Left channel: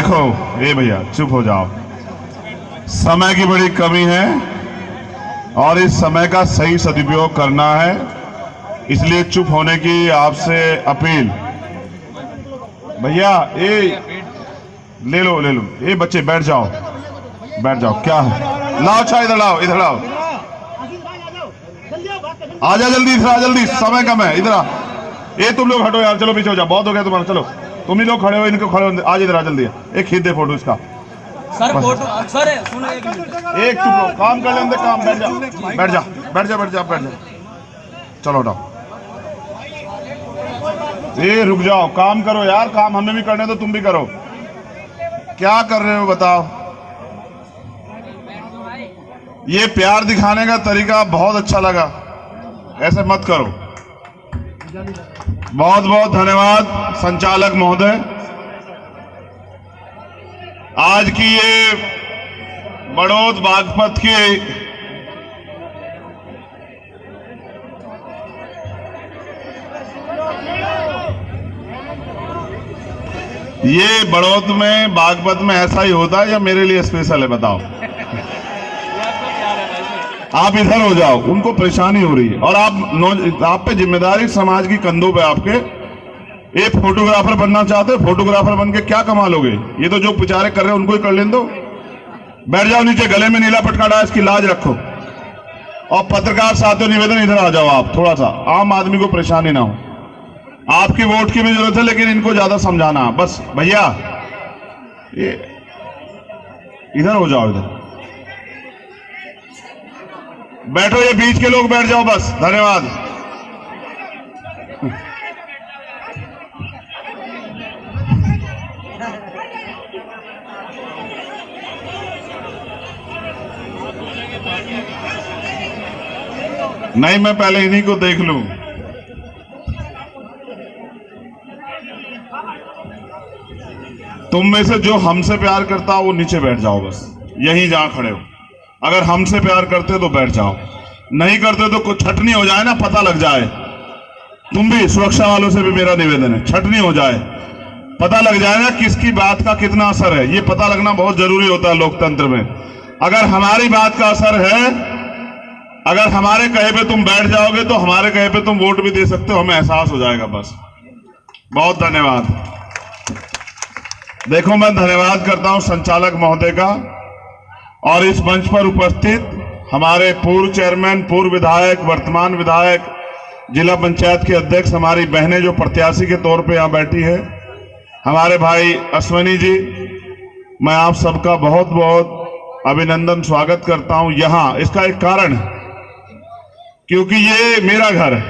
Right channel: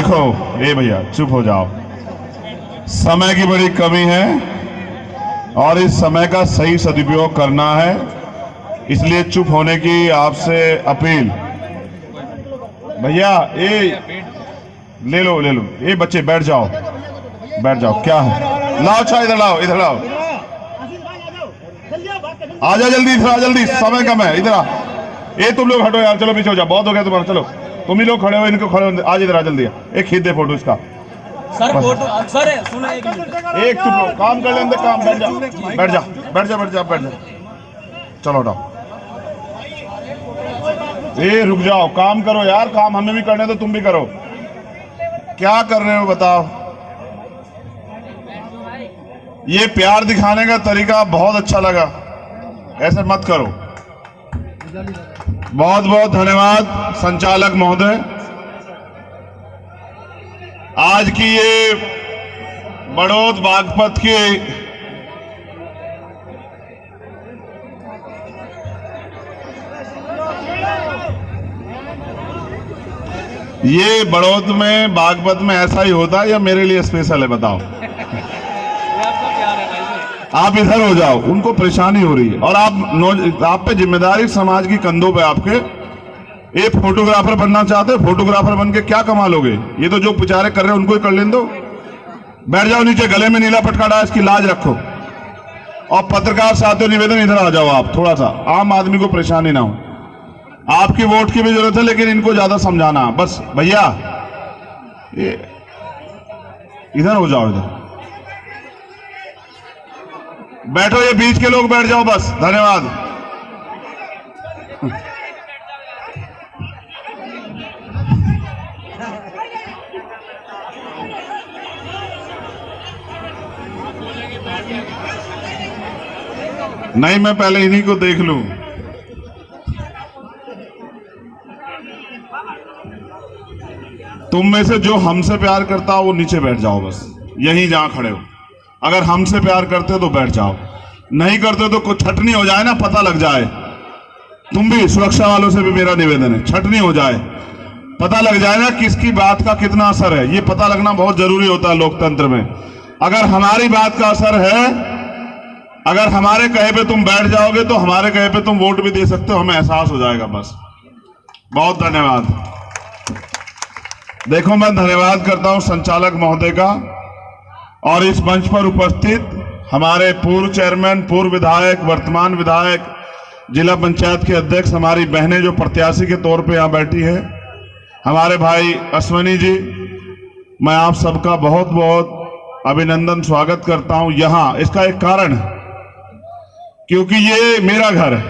देखो ये भैया चुप हो जाओ, समय की बड़ी कमी है और इस समय का सही सदुपयोग करना है, इसलिए चुप होने की आपसे अपील। भैया ये ले लो ये बच्चे बैठ जाओ क्या है, लाओ चाय इधर लाओ आ जाओ जल्दी समय कम है, इधर आ। ये तुम लोग हटो यार, चलो पीछे हो जाओ, बहुत हो गया तुम्हारा, चलो तुम ही लोग खड़े हो, इनको खड़े हो, आज इधर आ जल्दी, एक खींच दे फोटो इसका। सर फोटो सर सुनो एक चुप लो, काम कर लेंगे, काम बैठ जा चलो हटाओ, ये रुक जाओ, काम करो यार, काम हमें भी करने तो तुम भी करो, क्या कर रहे हो बताओ। ये प्यार दिखाने का तरीका बहुत अच्छा लगा, ऐसे मत करो। बहुत बहुत धन्यवाद संचालक महोदय। आज की ये बड़ौद बागपत की ये बड़ौद में बागपत में ऐसा ही होता है या मेरे लिए स्पेशल है बताओ। आप इधर हो जाओ, उनको परेशानी हो रही है और आप पे जिम्मेदारी समाज की कंधों पे आपके। एक फोटोग्राफर बनना चाहते हो, फोटोग्राफर बन के क्या कमा लोगे, ये तो जो बेचारे कर रहे हैं उनको ही कर लेने दो। बैठ जाओ नीचे, गले में नीला पटका डाल, इसकी लाज रखो। और पत्रकार साथियों निवेदन, इधर आ जाओ आप, थोड़ा सा आम आदमी को परेशानी ना हो। आपकी वोट की भी जरूरत है लेकिन इनको ज्यादा समझाना बस। भैया ये इधर हो जाओ, इधर बैठो, ये बीच के लोग बैठ जाओ बस, धन्यवाद। नहीं, मैं पहले इन्हीं को देख लूं। तुम में से जो हमसे प्यार करता हो वो नीचे बैठ जाओ बस, यहीं जहां खड़े हो। अगर हमसे प्यार करते हो तो बैठ जाओ, नहीं करते तो कुछ छटनी हो जाए ना, पता लग जाए। तुम भी सुरक्षा वालों से भी मेरा निवेदन है, छटनी हो जाए, पता लग जाए ना किसकी बात का कितना असर है। ये पता लगना बहुत जरूरी होता है लोकतंत्र में। अगर हमारी बात का असर है, अगर हमारे कहे पे तुम बैठ जाओगे तो हमारे कहे पे तुम वोट भी दे सकते हो, हमें एहसास हो जाएगा बस। बहुत धन्यवाद। देखो, मैं धन्यवाद करता हूं संचालक महोदय का और इस मंच पर उपस्थित हमारे पूर्व चेयरमैन, पूर्व विधायक, वर्तमान विधायक, जिला पंचायत के अध्यक्ष, हमारी बहनें जो प्रत्याशी के तौर पे यहां बैठी है, हमारे भाई अश्वनी जी, मैं आप सबका बहुत बहुत अभिनंदन, स्वागत करता हूं यहां। इसका एक कारण है, क्योंकि ये मेरा घर है।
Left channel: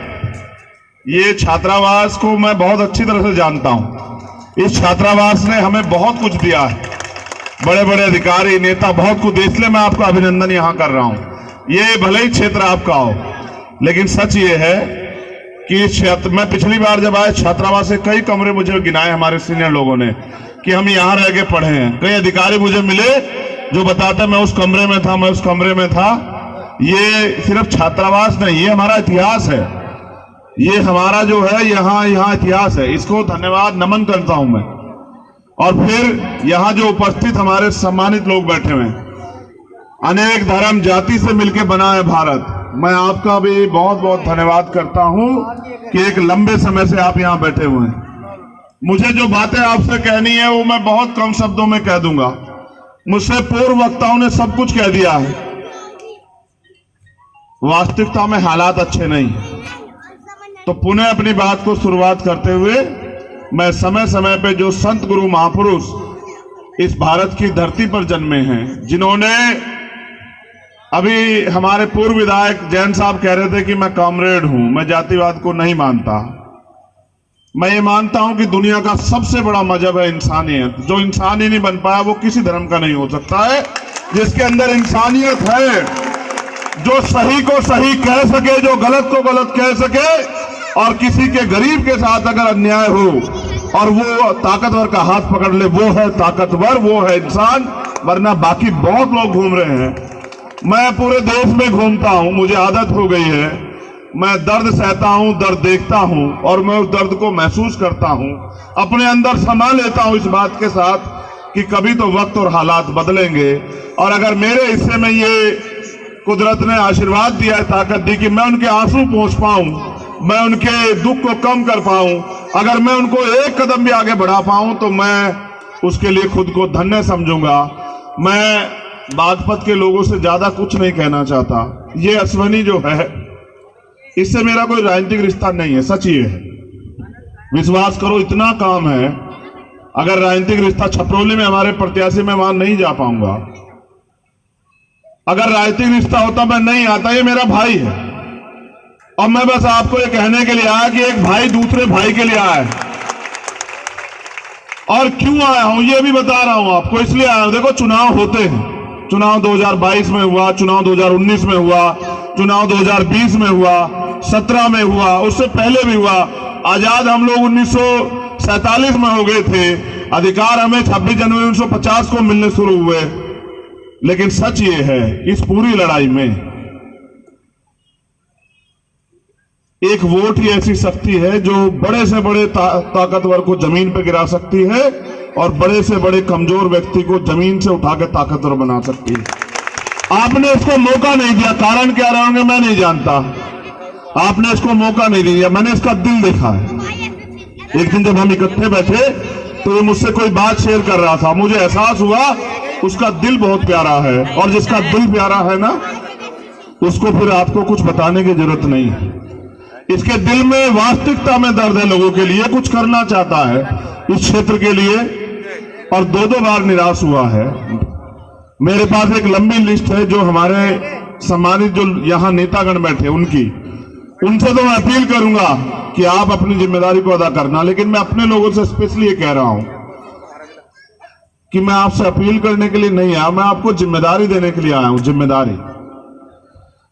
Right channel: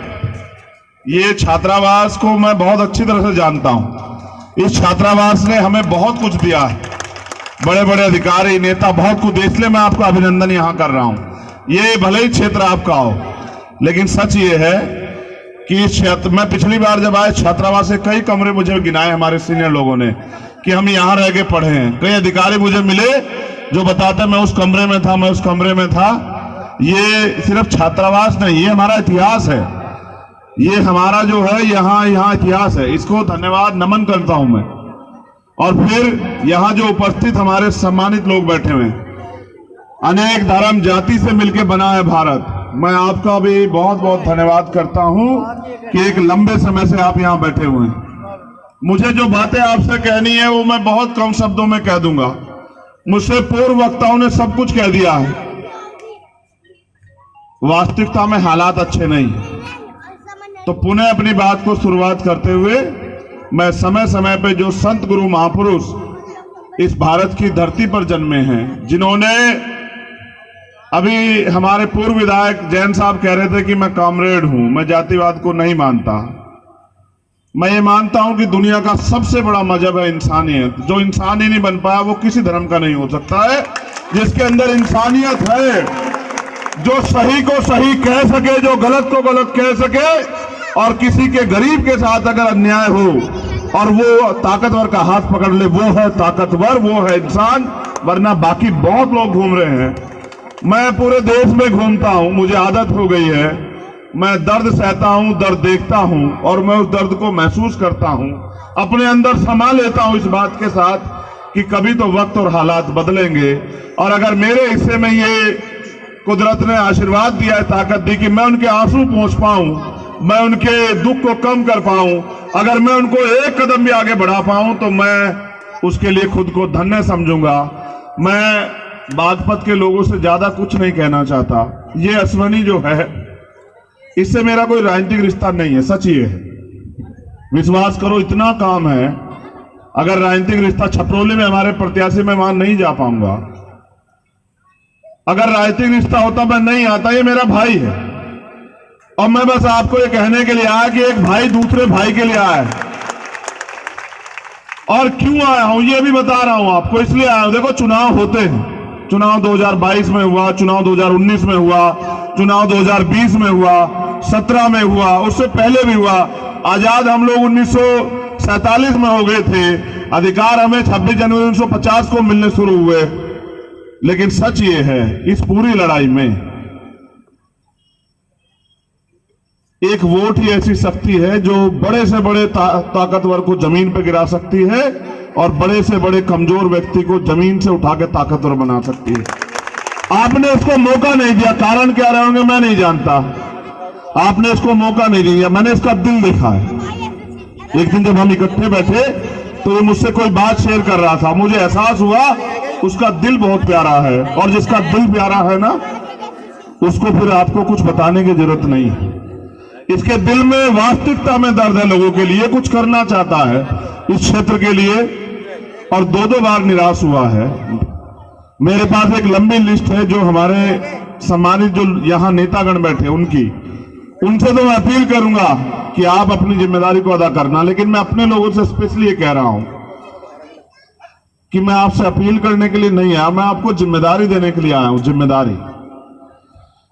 ये छात्रावास को मैं बहुत अच्छी तरह से जानता हूं। इस छात्रावास ने हमें बहुत कुछ दिया है, बड़े बड़े अधिकारी, नेता, बहुत कुछ, इसलिए मैं आपका अभिनंदन यहां कर रहा हूं। ये भले ही क्षेत्र आपका हो, लेकिन सच ये है कि इस क्षेत्र में पिछली बार जब आए छात्रावास से कई कमरे मुझे गिनाए हमारे सीनियर लोगों ने कि हम यहां रह के पढ़े हैं। कई अधिकारी मुझे मिले जो बताते मैं उस कमरे में था, मैं उस कमरे में था। ये सिर्फ छात्रावास नहीं, ये हमारा इतिहास है, ये हमारा जो है यहाँ इतिहास है। इसको धन्यवाद नमन करता हूं मैं। और फिर यहाँ जो उपस्थित हमारे सम्मानित लोग बैठे हुए हैं, अनेक धर्म जाति से मिलकर बना है भारत, मैं आपका भी बहुत बहुत धन्यवाद करता हूं कि एक लंबे समय से आप यहाँ बैठे हुए हैं। मुझे जो बातें आपसे कहनी है वो मैं बहुत कम शब्दों में कह दूंगा। मुझसे पूर्व वक्ताओं ने सब कुछ कह दिया है। वास्तविकता में हालात अच्छे नहीं, तो पुनः अपनी बात को शुरुआत करते हुए मैं समय समय पे जो संत गुरु महापुरुष इस भारत की धरती पर जन्मे हैं, जिन्होंने, अभी हमारे पूर्व विधायक जैन साहब कह रहे थे कि मैं कॉमरेड हूं, मैं जातिवाद को नहीं मानता। मैं ये मानता हूं कि दुनिया का सबसे बड़ा मजहब है इंसानियत। जो इंसान ही नहीं बन पाया वो किसी धर्म का नहीं हो सकता है। जिसके अंदर इंसानियत है, जो सही को सही कह सके, जो गलत को गलत कह सके, और किसी के गरीब के साथ अगर अन्याय हो और वो ताकतवर का हाथ पकड़ ले, वो है ताकतवर, वो है इंसान। वरना बाकी बहुत लोग घूम रहे हैं। मैं पूरे देश में घूमता हूं, मुझे आदत हो गई है। मैं दर्द सहता हूं, दर्द देखता हूं और मैं उस दर्द को महसूस करता हूं, अपने अंदर समा लेता हूं इस बात के साथ कि कभी तो वक्त और हालात बदलेंगे, और अगर मेरे हिस्से में ये कुदरत ने आशीर्वाद दिया है, ताकत दी कि मैं उनके आंसू पहुंच पाऊं, मैं उनके दुख को कम कर पाऊं, अगर मैं उनको एक कदम भी आगे बढ़ा पाऊं, तो मैं उसके लिए खुद को धन्य समझूंगा। मैं बागपत के लोगों से ज्यादा कुछ नहीं कहना चाहता। ये अश्वनी जो है, इससे मेरा कोई राजनीतिक रिश्ता नहीं है, सच ये है, विश्वास करो, इतना काम है। अगर राजनीतिक रिश्ता, छपरौली में हमारे प्रत्याशी, मैं वहां नहीं जा पाऊंगा। अगर राजनीतिक रिश्ता होता मैं नहीं आता, ये मेरा भाई है। और मैं बस आपको ये कहने के लिए आया कि एक भाई दूसरे भाई के लिए आया है। और क्यों आया हूं ये भी बता रहा हूं आपको, इसलिए आया हूं। देखो, चुनाव होते हैं, चुनाव 2022 में हुआ, चुनाव 2019 में हुआ, चुनाव 2020 में हुआ, 17 में हुआ, उससे पहले भी हुआ। आजाद हम लोग 1947 में हो गए थे, अधिकार हमें 26 जनवरी 1950 को मिलने शुरू हुए। लेकिन सच ये है, इस पूरी लड़ाई में एक वोट ही ऐसी शक्ति है जो बड़े से बड़े ताकतवर को जमीन पर गिरा सकती है, और बड़े से बड़े कमजोर व्यक्ति को जमीन से उठा के ताकतवर बना सकती है। आपने उसको मौका नहीं दिया, कारण क्या रहे होंगे मैं नहीं जानता। आपने इसको मौका नहीं दिया, मैंने इसका दिल देखा है। एक दिन जब हम इकट्ठे बैठे तो वो मुझसे कोई बात शेयर कर रहा था, मुझे एहसास हुआ उसका दिल बहुत प्यारा है, और जिसका दिल प्यारा है ना, उसको फिर आपको कुछ बताने की जरूरत नहीं है। इसके दिल में वास्तविकता में दर्द है, लोगों के लिए कुछ करना चाहता है इस क्षेत्र के लिए, और दो बार निराश हुआ है। मेरे पास एक लंबी लिस्ट है जो हमारे सम्मानित जो यहाँ नेतागण बैठे उनसे तो मैं अपील करूंगा कि आप अपनी जिम्मेदारी को अदा करना। लेकिन मैं अपने लोगों से स्पेशली ये कह रहा हूं कि मैं आपसे अपील करने के लिए नहीं आया, मैं आपको जिम्मेदारी देने के लिए आया हूं। जिम्मेदारी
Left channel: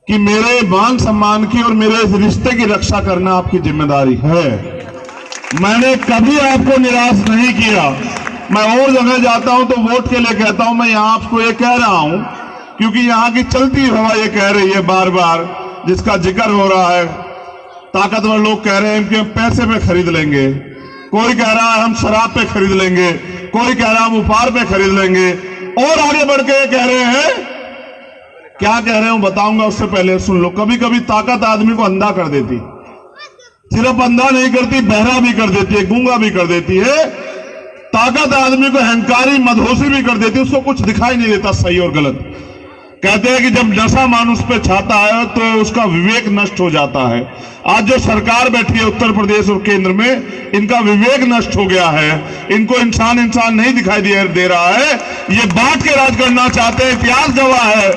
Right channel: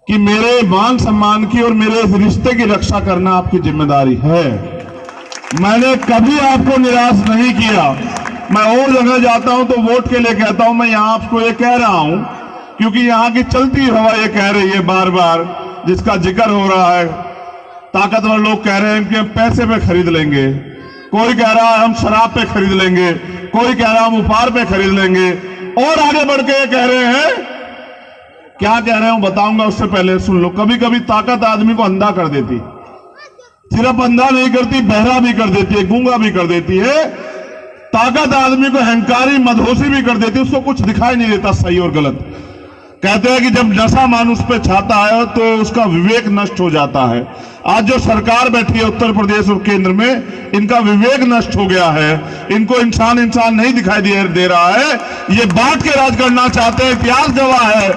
कि मेरे मान सम्मान की और मेरे इस रिश्ते की रक्षा करना आपकी जिम्मेदारी है। मैंने कभी आपको निराश नहीं किया। मैं और जगह जाता हूं तो वोट के लिए कहता हूं, मैं यहां आपको ये कह रहा हूं क्योंकि यहां की चलती हवा ये कह रही है बार बार, जिसका जिक्र हो रहा है, ताकतवर लोग कह रहे हैं इनके पैसे पे खरीद लेंगे, कोई कह रहा है हम शराब पे खरीद लेंगे, कोई कह रहा है हम उपहार पे खरीद लेंगे, और आगे बढ़ के ये कह रहे हैं, क्या कह रहे हूं बताऊंगा, उससे पहले सुन लो। कभी कभी ताकत आदमी को अंधा कर देती, सिर्फ अंधा नहीं करती, बहरा भी कर देती है, गूंगा भी कर देती है। ताकत आदमी को अहंकारी मदहोशी भी कर देती है, उसको कुछ दिखाई नहीं देता सही और गलत। कहते हैं कि जब नशा मानुष पे छाता है तो उसका विवेक नष्ट हो जाता है। आज जो सरकार बैठी है उत्तर प्रदेश और केंद्र में, इनका विवेक नष्ट हो गया है, इनको इंसान नहीं दिखाई दे रहा है। ये बांट के राज करना चाहते हैं। इतिहास गवाह है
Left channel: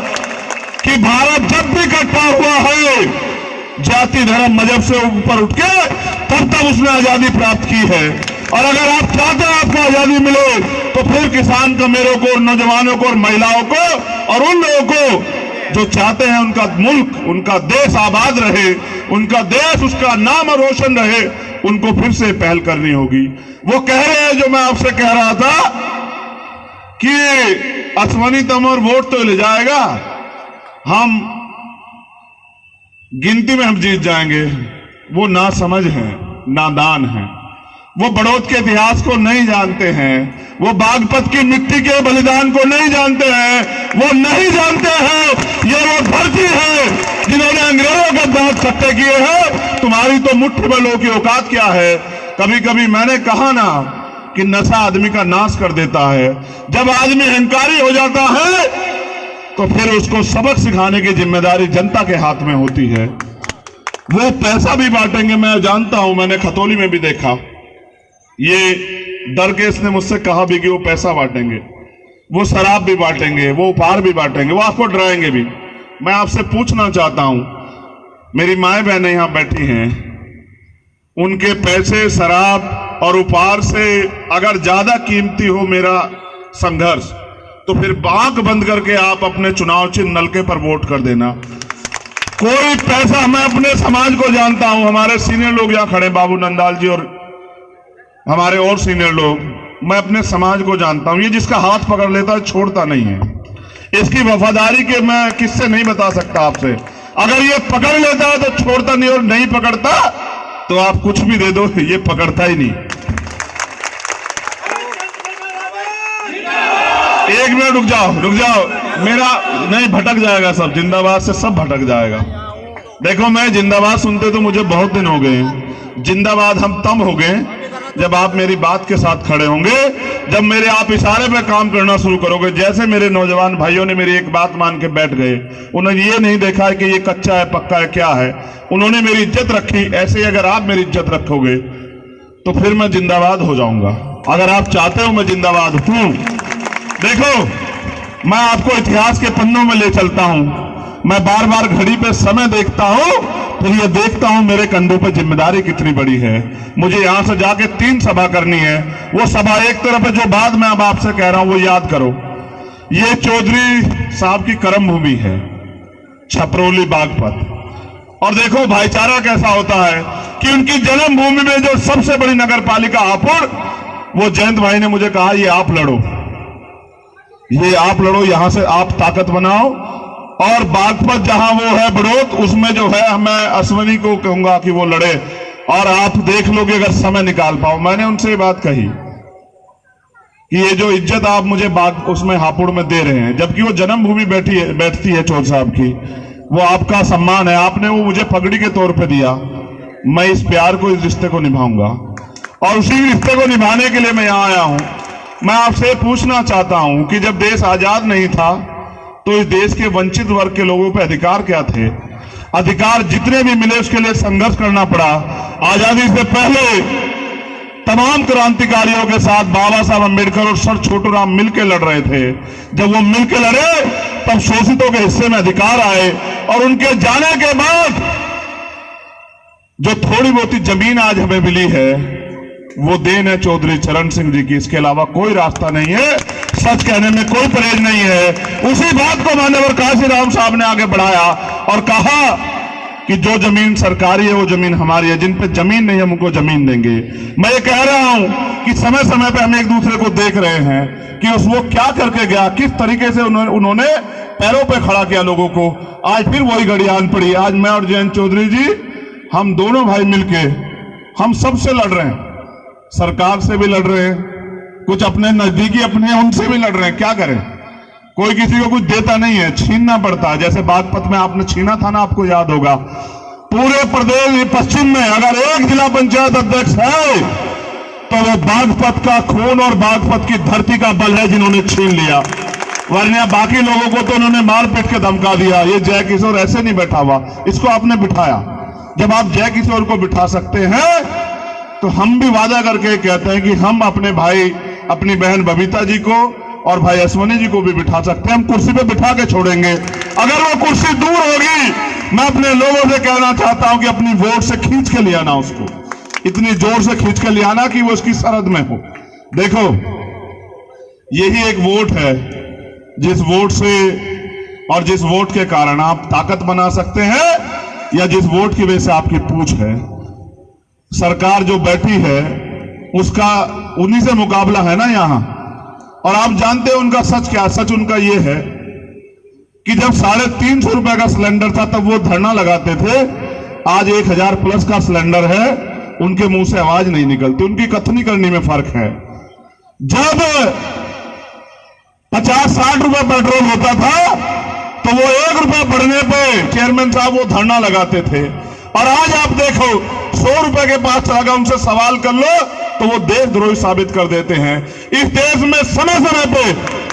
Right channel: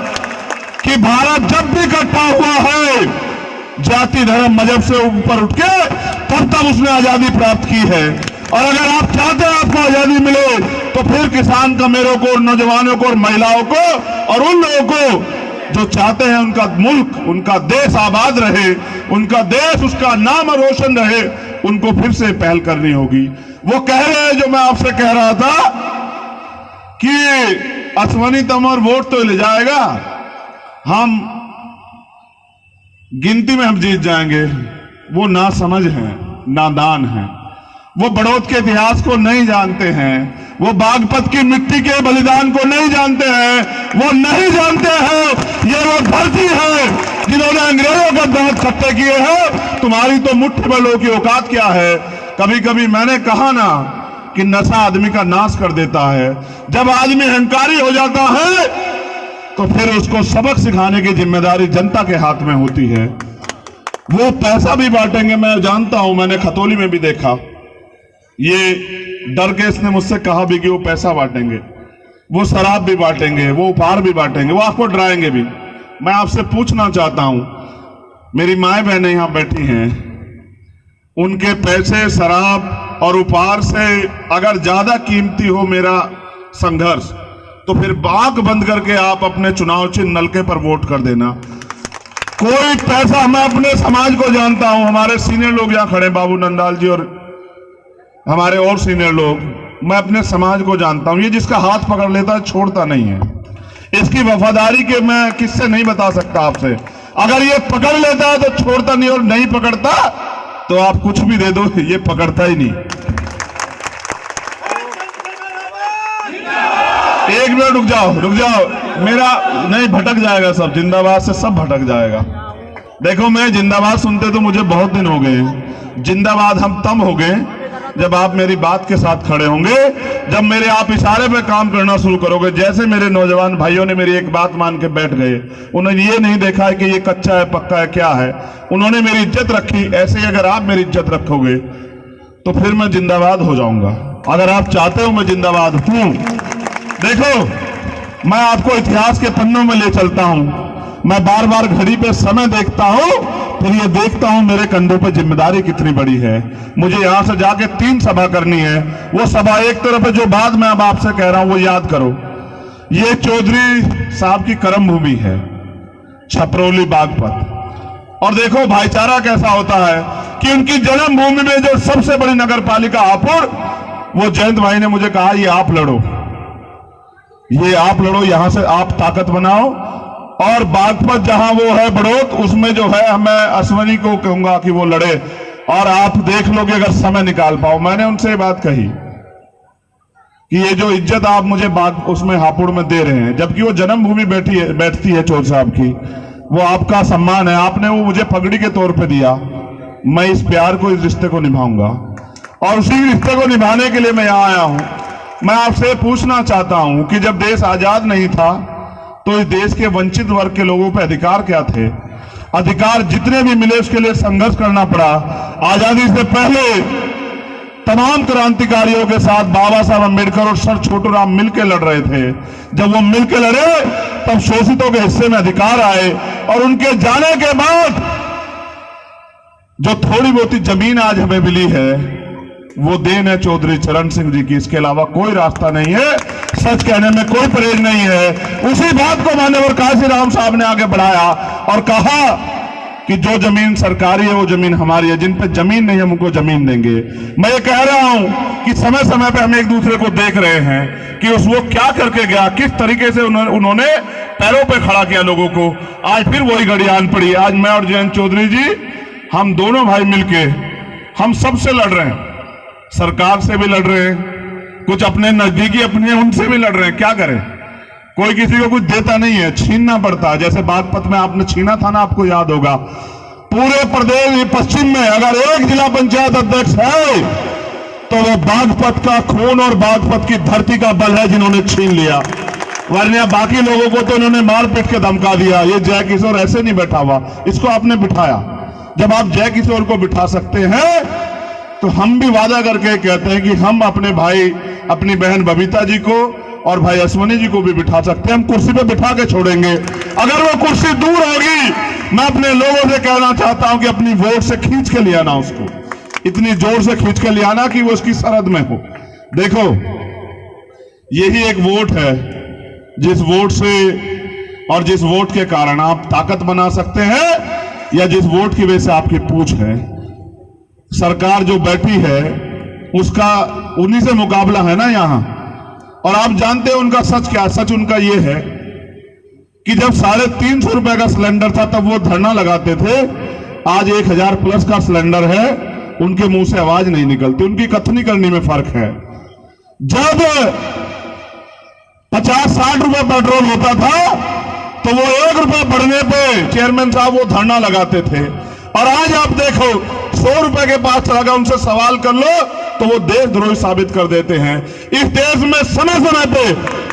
कि भारत जब भी कट्टा हुआ है, जाति धर्म मजहब से ऊपर उठ के तब उसने आजादी प्राप्त की है। और अगर आप चाहते हैं आपको आजादी मिले, तो फिर किसान कमेरों को, नौजवानों को और महिलाओं को और उन लोगों को जो चाहते हैं उनका मुल्क, उनका देश आबाद रहे, उनका देश, उसका नाम रोशन रहे, उनको फिर से पहल करनी होगी। वो कह रहे हैं जो मैं आपसे कह रहा था कि अश्वनी तंवर वोट तो ले जाएगा, हम गिनती में हम जीत जाएंगे। वो ना समझ है, नादान है, वो बड़ौद के इतिहास को नहीं जानते हैं, वो बागपत की मिट्टी के बलिदान को नहीं जानते हैं, वो नहीं जानते हैं ये वो धरती है जिन्होंने अंग्रेजों का दांत खट्टे किए हैं। तुम्हारी तो मुट्ठी भलों की औकात क्या है। कभी कभी मैंने कहा ना कि नशा आदमी का नाश कर देता है। जब आदमी अहंकारी हो जाता है तो फिर उसको सबक सिखाने की जिम्मेदारी जनता के हाथ में होती है। वो पैसा भी बांटेंगे, मैं जानता हूं, मैंने खतौली में भी देखा। ये डर के इसने मुझसे कहा भी कि वो पैसा बांटेंगे, वो शराब भी बांटेंगे, वो उपहार भी बांटेंगे, वो आपको डराएंगे भी। मैं आपसे पूछना चाहता हूं, मेरी माएं बहनें यहां बैठी हैं, उनके पैसे, शराब और उपहार से अगर ज्यादा कीमती हो मेरा संघर्ष, तो फिर आंख बंद करके आप अपने चुनाव चिन्ह नलके पर वोट कर देना। कोई पैसा, मैं अपने समाज को जानता हूं, हमारे सीनियर लोग यहां खड़े, बाबू नंदाल जी और हमारे और सीनियर लोग, मैं अपने समाज को जानता हूं। ये जिसका हाथ पकड़ लेता है छोड़ता नहीं है। इसकी वफादारी के मैं किससे नहीं बता सकता आपसे। अगर ये पकड़ लेता है तो छोड़ता नहीं, और नहीं पकड़ता तो आप कुछ भी दे दो, ये पकड़ता ही नहीं। एक मिनट रुक जाओ मेरा नहीं भटक जाएगा सब, जिंदाबाद से सब भटक जाएगा। देखो मैं जिंदाबाद सुनते तो मुझे बहुत दिन हो गए, जिंदाबाद हम तब हो गए जब आप मेरी बात के साथ खड़े होंगे, जब मेरे आप इशारे पे काम करना शुरू करोगे। जैसे मेरे नौजवान भाइयों ने मेरी एक बात मान के बैठ गए, उन्होंने ये नहीं देखा है कि ये कच्चा है पक्का है क्या है, उन्होंने मेरी इज्जत रखी। ऐसे ही अगर आप मेरी इज्जत रखोगे तो फिर मैं जिंदाबाद हो जाऊंगा। अगर आप चाहते हो मैं जिंदाबाद हूं, देखो मैं आपको इतिहास के पन्नों में ले चलता हूं। मैं बार बार घड़ी पे समय देखता हूं, फिर ये देखता हूं मेरे कंधों पर जिम्मेदारी कितनी बड़ी है। मुझे यहां से जाके 3 सभा करनी है। वो सभा एक तरफ है, जो बात मैं अब आपसे कह रहा हूं वो याद करो। ये चौधरी साहब की कर्म भूमि है, छपरौली बागपत। और देखो भाईचारा कैसा होता है कि उनकी जन्मभूमि में जो सबसे बड़ी नगर पालिका हापुड़, वो जयंत भाई ने मुझे कहा ये आप लड़ो, यहां से आप ताकत बनाओ। और बागपत जहां वो है बड़ौत, उसमें जो है मैं अश्वनी को कहूंगा कि वो लड़े, और आप देख लोगे अगर समय निकाल पाओ। मैंने उनसे बात कही कि ये जो इज्जत आप मुझे उसमें हापुड़ में दे रहे हैं, जबकि वो जन्मभूमि बैठती है चौधरी साहब की, वो आपका सम्मान है, आपने वो मुझे पगड़ी के तौर पे दिया। मैं इस प्यार को, इस रिश्ते को निभाऊंगा, और उसी रिश्ते को निभाने के लिए मैं यहां आया हूं। मैं आपसे पूछना चाहता हूं कि जब देश आजाद नहीं था तो इस देश के वंचित वर्ग के लोगों पे अधिकार क्या थे? अधिकार जितने भी मिले उसके लिए संघर्ष करना पड़ा। आजादी से पहले तमाम क्रांतिकारियों के साथ बाबा साहब अम्बेडकर और सर छोटूराम मिलकर लड़ रहे थे। जब वो मिलकर लड़े तब शोषितों के हिस्से में अधिकार आए, और उनके जाने के बाद जो थोड़ी बहुत जमीन आज हमें मिली है वो देन है चौधरी चरण सिंह जी की। इसके अलावा कोई रास्ता नहीं है, सच कहने में कोई परहेज नहीं है। उसी बात को मान्यवर काशीराम साहब ने आगे बढ़ाया और कहा कि जो जमीन सरकारी है वो जमीन हमारी है, जिन पे जमीन नहीं है हम उनको जमीन देंगे। मैं ये कह रहा हूं कि समय समय पे हम एक दूसरे को देख रहे हैं कि वो क्या करके गया, किस तरीके से उन्होंने पैरों पे खड़ा किया लोगों को। आज फिर वही घड़ी आन पड़ी। आज मैं और जयंत चौधरी जी, हम दोनों भाई मिलके हम सबसे लड़ रहे हैं, सरकार से भी लड़ रहे हैं, कुछ अपने नजदीकी अपने उनसे भी लड़ रहे हैं। क्या करें, कोई किसी को कुछ देता नहीं है, छीनना पड़ता है। जैसे बागपत में आपने छीना था ना, आपको याद होगा। पूरे प्रदेश पश्चिम में अगर एक जिला पंचायत अध्यक्ष है तो वो बागपत का खून और बागपत की धरती का बल है जिन्होंने छीन लिया, वरना बाकी लोगों को तो उन्होंने मार पीट के धमका दिया। ये जय किशोर ऐसे नहीं बैठा हुआ, इसको आपने बिठाया। जब आप जय किशोर को बिठा सकते हैं तो हम भी वादा करके कहते हैं कि हम अपने भाई, अपनी बहन बबीता जी को और भाई अश्वनी जी को भी बिठा सकते हैं। हम कुर्सी पे बिठा के छोड़ेंगे। अगर वो कुर्सी दूर होगी, मैं अपने लोगों से कहना चाहता हूं कि अपनी वोट से खींच के ले आना, उसको इतनी जोर से खींच के ले आना कि वो उसकी सरहद में हो। देखो यही एक वोट है, जिस वोट से और जिस वोट के कारण आप ताकत बना सकते हैं, या जिस वोट की वजह से आपकी पूछ है। सरकार जो बैठी है उसका उन्हीं से मुकाबला है ना यहां। और आप जानते हैं उनका सच क्या? सच उनका ये है कि जब 350 रुपए का सिलेंडर था तब वो धरना लगाते थे। आज 1000 प्लस का सिलेंडर है, उनके मुंह से आवाज नहीं निकलती, उनकी कथनी करने में फर्क है। जब 50-60 रुपए पेट्रोल होता था तो वो 1 रुपया बढ़ने पे चेयरमैन साहब वो धरना लगाते थे। और आज आप देखो 100 रुपए के पास चला गया, उनसे सवाल कर लो तो वो देशद्रोही साबित कर देते हैं। इस देश में समय समय पे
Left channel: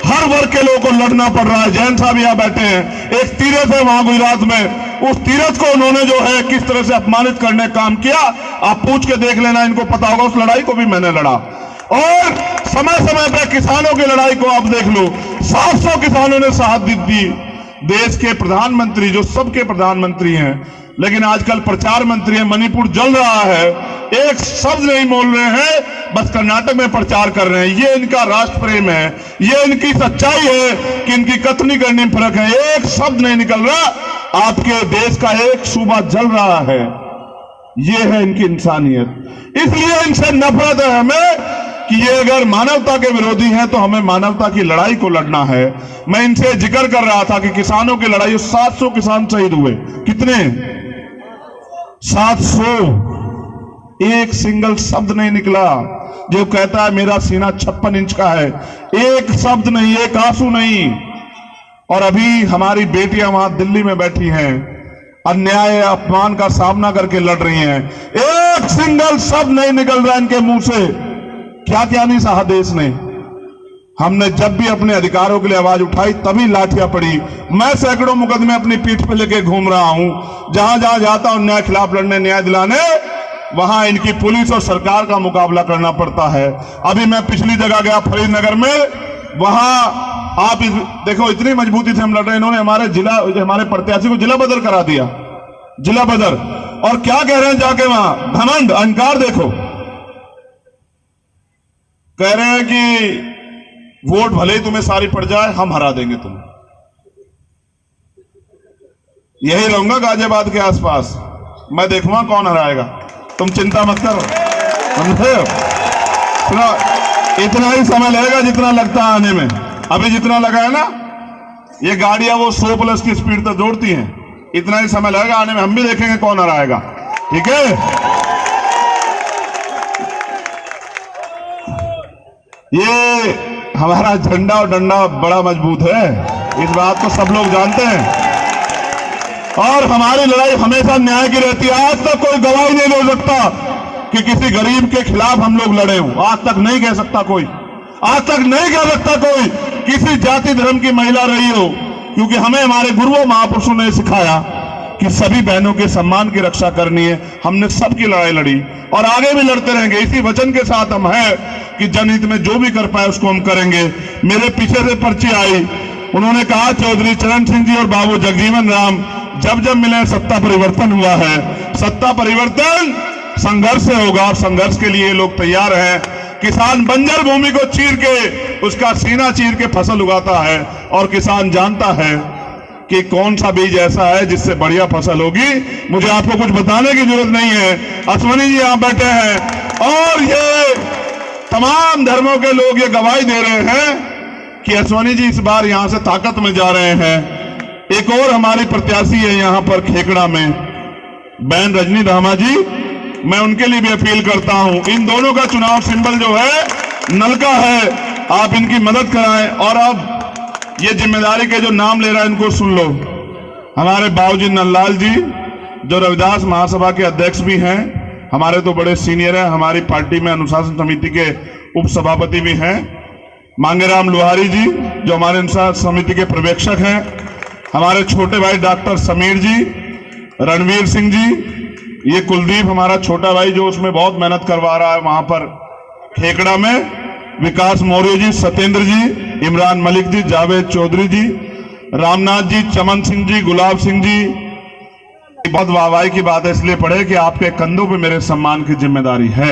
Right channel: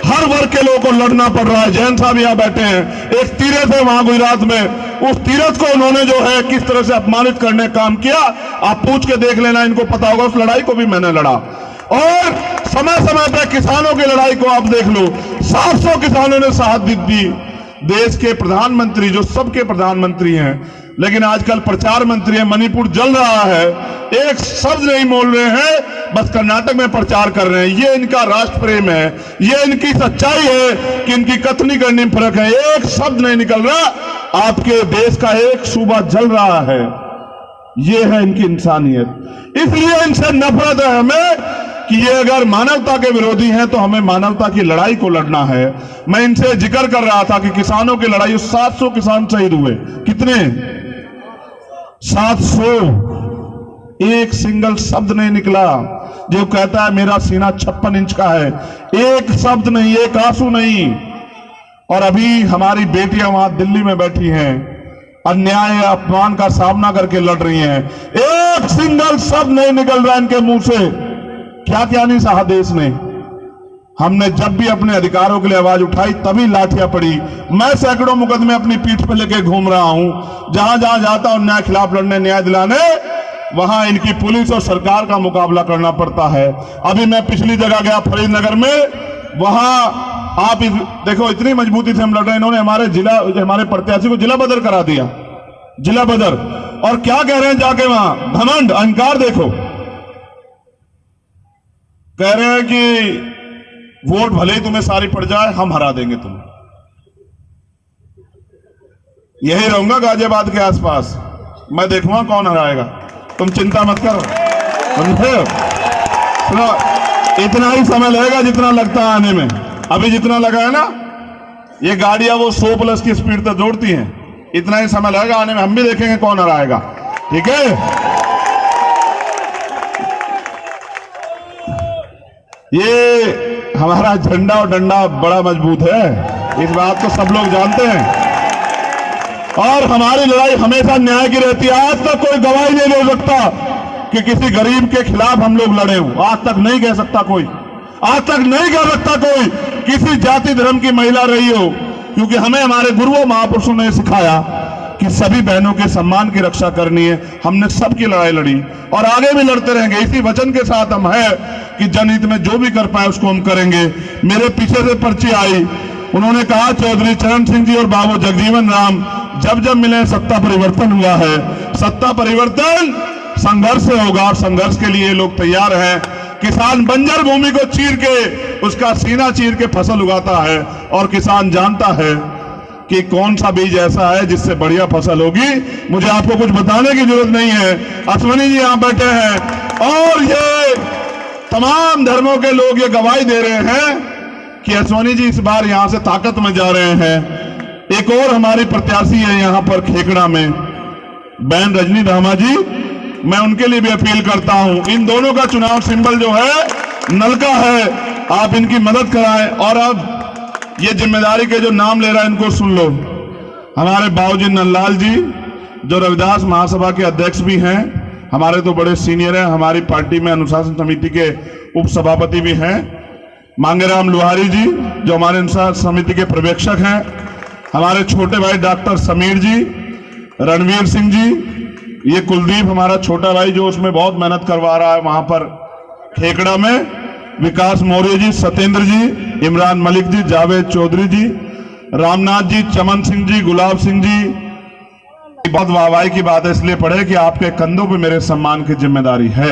हर वर्ग के लोगों को लड़ना पड़ रहा है। जयंत साहब यहाँ बैठे हैं, एक तीरथ है वहां गुजरात में, उस तीरथ को उन्होंने जो है किस तरह से अपमानित करने का काम किया, आप पूछ के देख लेना, इनको पता होगा। उस लड़ाई को भी मैंने लड़ा। और समय समय पे किसानों की लड़ाई को आप देख लो, 700 किसानों ने शहादत दी। देश के प्रधानमंत्री जो सबके प्रधानमंत्री हैं, लेकिन आजकल प्रचार मंत्री है, मणिपुर जल रहा है, एक शब्द नहीं बोल रहे हैं, बस कर्नाटक में प्रचार कर रहे हैं। ये इनका राष्ट्र प्रेम है, ये इनकी सच्चाई है कि इनकी कथनी करने में फर्क है। एक शब्द नहीं निकल रहा, आपके देश का एक सूबा जल रहा है। ये है इनकी इंसानियत। इसलिए इनसे नफरत है हमें कि ये अगर मानवता के विरोधी हैं तो हमें मानवता की लड़ाई को लड़ना है। मैं इनसे जिक्र कर रहा था कि किसानों की लड़ाई, 700 किसान शहीद हुए। कितने? 700। एक सिंगल शब्द नहीं निकला। जो कहता है मेरा सीना 56 इंच का है, एक शब्द नहीं, एक आंसू नहीं। और अभी हमारी बेटियां वहां दिल्ली में बैठी हैं, अन्याय अपमान का सामना करके लड़ रही हैं, एक सिंगल शब्द नहीं निकल रहा इनके मुंह से। क्या क्या नहीं सहा देश ने। हमने जब भी अपने अधिकारों के लिए आवाज उठाई तभी लाठियां पड़ी। मैं सैकड़ों मुकदमे अपनी पीठ पर लेके घूम रहा हूं, जहां जहां जाता हूं न्याय खिलाफ लड़ने, न्याय दिलाने, वहां इनकी पुलिस और सरकार का मुकाबला करना पड़ता है। अभी मैं पिछली जगह गया फरीदनगर में, वहां आप देखो इतनी मजबूती से हम लड़ रहे, इन्होंने हमारे प्रत्याशी को जिला बदर करा दिया, जिला बदर। और क्या कह रहे हैं जाके वहां, घमंड अहंकार देखो, कह रहे हैं कि वोट भले ही तुम्हें सारी पड़ जाए, हम हरा देंगे तुम्हें। यही रहूंगा गाजियाबाद के आसपास, मैं देखूंगा कौन हराएगा, तुम चिंता मत करो। समझे हो? सुनो, इतना ही समय लगेगा जितना लगता है आने में। अभी जितना लगा है ना, ये गाड़ियां वो 100+ की स्पीड तक दौड़ती हैं, इतना ही समय लगेगा आने में। हम भी देखेंगे कौन हराएगा, ठीक है? ये हमारा झंडा और डंडा बड़ा मजबूत है, इस बात को सब लोग जानते हैं। और हमारी लड़ाई हमेशा न्याय की रहती है। आज तक कोई गवाही नहीं दे सकता कि किसी गरीब के खिलाफ हम लोग लड़े हों, आज तक नहीं कह सकता कोई, आज तक नहीं कह सकता कोई किसी जाति धर्म की महिला रही हो, क्योंकि हमें हमारे गुरुओं महापुरुषों ने सिखाया कि सभी बहनों के सम्मान की रक्षा करनी है। हमने सबकी लड़ाई लड़ी और आगे भी लड़ते रहेंगे। इसी वचन के साथ हम है कि जनहित में जो भी कर पाए उसको हम करेंगे। मेरे पीछे से पर्ची आई, उन्होंने कहा चौधरी चरण सिंह जी और बाबू जगजीवन राम जब जब मिले सत्ता परिवर्तन हुआ है। सत्ता परिवर्तन संघर्ष से होगा, संघर्ष के लिए लोग तैयार हैं। किसान बंजर भूमि को चीर के, उसका सीना चीर के फसल उगाता है, और किसान जानता है कि कौन सा बीज ऐसा है जिससे बढ़िया फसल होगी। मुझे आपको कुछ बताने की जरूरत नहीं है। अश्वनी जी यहां बैठे हैं और ये तमाम धर्मों के लोग ये गवाही दे रहे हैं कि अश्वनी जी इस बार यहां से ताकत में जा रहे हैं। एक और हमारी प्रत्याशी है यहां पर खेकड़ा में, बहन रजनी धामा जी, मैं उनके लिए भी अपील करता हूं। इन दोनों का चुनाव सिंबल जो है नलका है, आप इनकी मदद कराएं। और अब ये जिम्मेदारी के जो नाम ले रहा है इनको सुन लो। हमारे बाबूजी नंदलाल जी जो रविदास महासभा के अध्यक्ष भी हैं, हमारे तो बड़े सीनियर हैं, हमारी पार्टी में अनुशासन समिति के उप सभापति भी हैं। मांगेराम लोहारी जी जो हमारे अनुशासन समिति के पर्यवेक्षक हैं। हमारे छोटे भाई डॉक्टर समीर जी, रणवीर सिंह जी, ये कुलदीप हमारा छोटा भाई जो उसमें बहुत मेहनत करवा रहा है वहां पर खेकड़ा में, विकास मौर्य जी, सत्येंद्र जी, इमरान मलिक जी, जावेद चौधरी जी, रामनाथ जी, चमन सिंह जी, गुलाब सिंह जी। बहुत वाहवाही की बात है इसलिए पड़े कि आपके कंधों पे मेरे सम्मान की जिम्मेदारी है।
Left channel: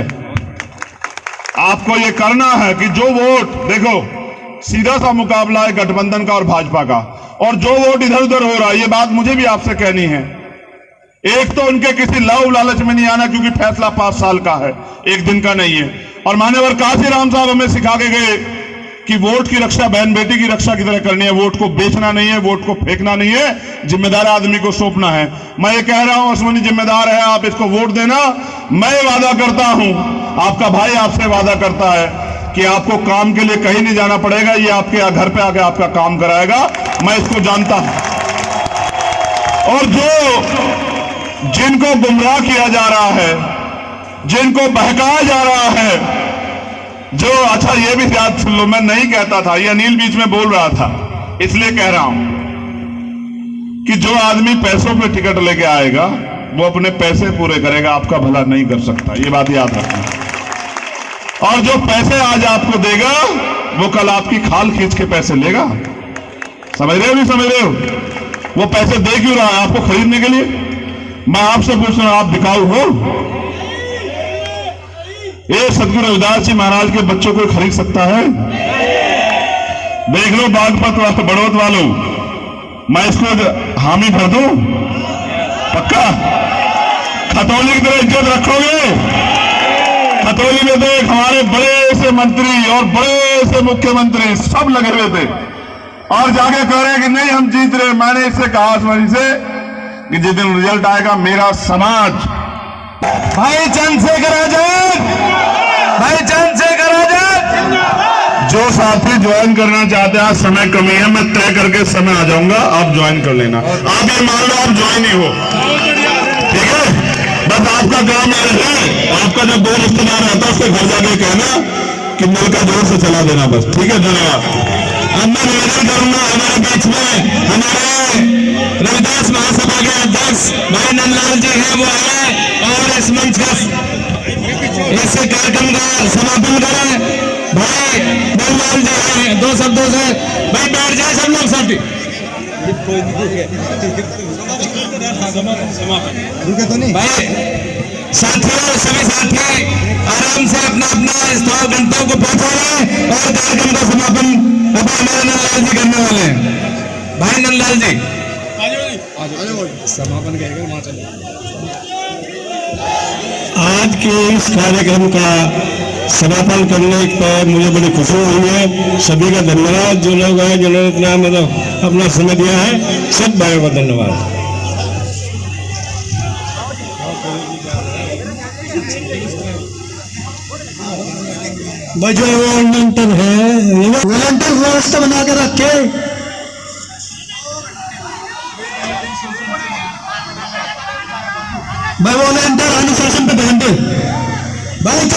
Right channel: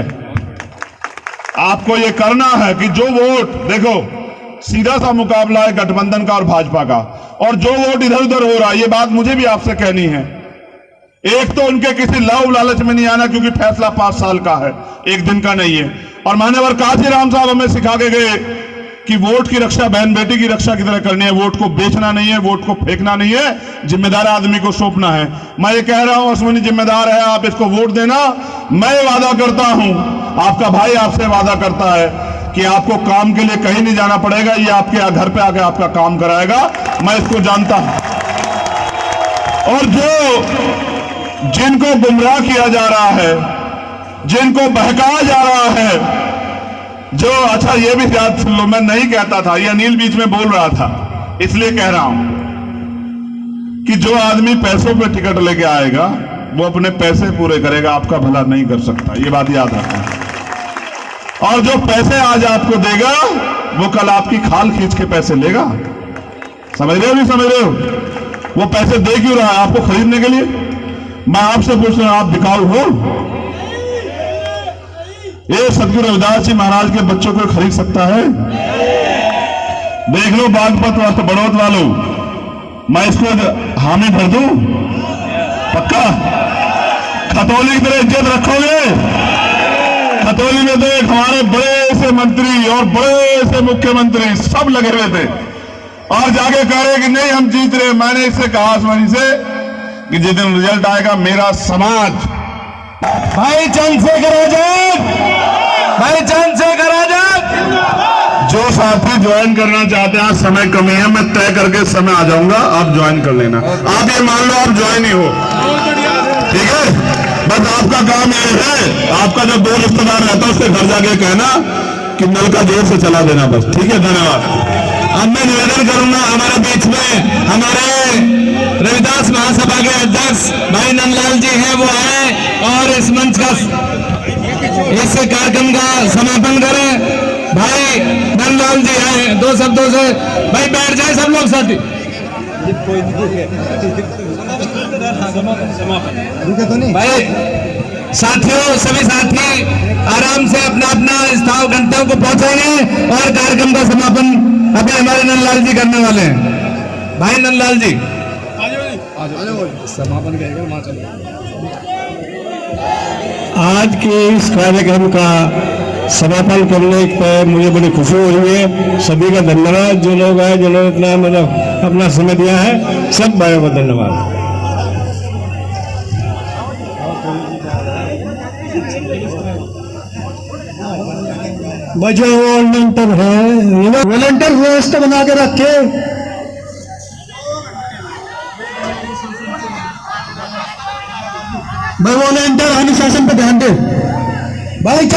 आपको ये करना है कि जो वोट, देखो सीधा सा मुकाबला है गठबंधन का और भाजपा का, और जो वोट इधर उधर हो रहा है, ये बात मुझे भी आपसे कहनी है। एक तो उनके किसी लाभ लालच में नहीं आना, क्योंकि फैसला 5 साल का है, एक दिन का नहीं है। और मान्यवर काशीराम साहब हमें सिखा के गए कि वोट की रक्षा बहन बेटी की रक्षा की तरह करनी है। वोट को बेचना नहीं है, वोट को फेंकना नहीं है, जिम्मेदार आदमी को सौंपना है। मैं ये कह रहा हूं अश्वनी जिम्मेदार है, आप इसको वोट देना। मैं वादा करता हूं, आपका भाई आपसे वादा करता है कि आपको काम के लिए कहीं नहीं जाना पड़ेगा, ये आपके घर पे आकर आपका काम कराएगा, मैं इसको जानता हूं। और जिनको गुमराह किया जा रहा है, जिनको बहकाया जा रहा है, जो अच्छा ये भी याद सुन लो, मैं नहीं कहता था, ये अनिल बीच में बोल रहा था, इसलिए कह रहा हूं कि जो आदमी पैसों पे टिकट लेके आएगा वो अपने पैसे पूरे करेगा, आपका भला नहीं कर सकता, ये बात याद रखना। और जो पैसे आज आपको देगा वो कल आपकी खाल खींच के पैसे लेगा। समझ रहे हो, नहीं समझ रहे हो? वो पैसे दे क्यों रहा है आपको खरीदने के लिए? मैं आपसे पूछ रहा हूं, आप बिकाऊ हो? ये सदगुरु रविदास जी महाराज के बच्चों को खरीद सकता है? देख लो बागपत वालों, बड़ौत वालों, मैं इसको हामी भर दूं पक्का? खतौली की तरह इज्जत रखोगे? खतौली में तो हमारे बड़े से मंत्री और बड़े से मुख्यमंत्री सब लगे हुए थे और जाके कह रहे कि नहीं हम जीत रहे। मैंने इससे कहा आसमानी से कि जिस दिन रिजल्ट आएगा मेरा समाज, भाई चंद्रशेखर आजाद, भाई चंद्रशेखर आजाद। जो साथी ज्वाइन करना चाहते हैं, आज समय कमी है, मैं तय करके समय आ जाऊंगा, आप ज्वाइन कर लेना। आप ये मान लो आप ज्वाइन ही हो, ठीक है। बस आपका काम ये है, आपका जब दो रिश्तेदार रहता है उसके घर जाके कहना कि नल का जोर से चला देना, बस, ठीक है। धन्यवाद। अब मैं निवेदन करूंगा, हमारे बीच में हमारे रविदास महासभा के अध्यक्ष भाई नंदलाल जी हैं, वो है और इस मंच का इस कार्यक्रम का समापन करें। भाई नंदलाल जी हैं, दो शब्दों से भाई बैठ जाए सब लोग साथी। भाई साथियों, सभी साथी आराम से अपना अपना स्थान गंतव्य को पहुंचा लें और कार्यक्रम का समापन अभी हमारे नंदलाल जी करने वाले हैं। भाई नंदलाल जी समापन करेगा। आज के इस कार्यक्रम का समापन करने पर मुझे बड़ी खुशी हुई है। सभी का धन्यवाद, जो लोग आए, जिन्होंने इतना मतलब अपना समय दिया है, सब भाइयों को धन्यवाद। जो वॉलंटियर है, वॉलंटियर व्यवस्था बना के रखे। भाई वॉलंटियर अनुशासन पे ध्यान दो भाई।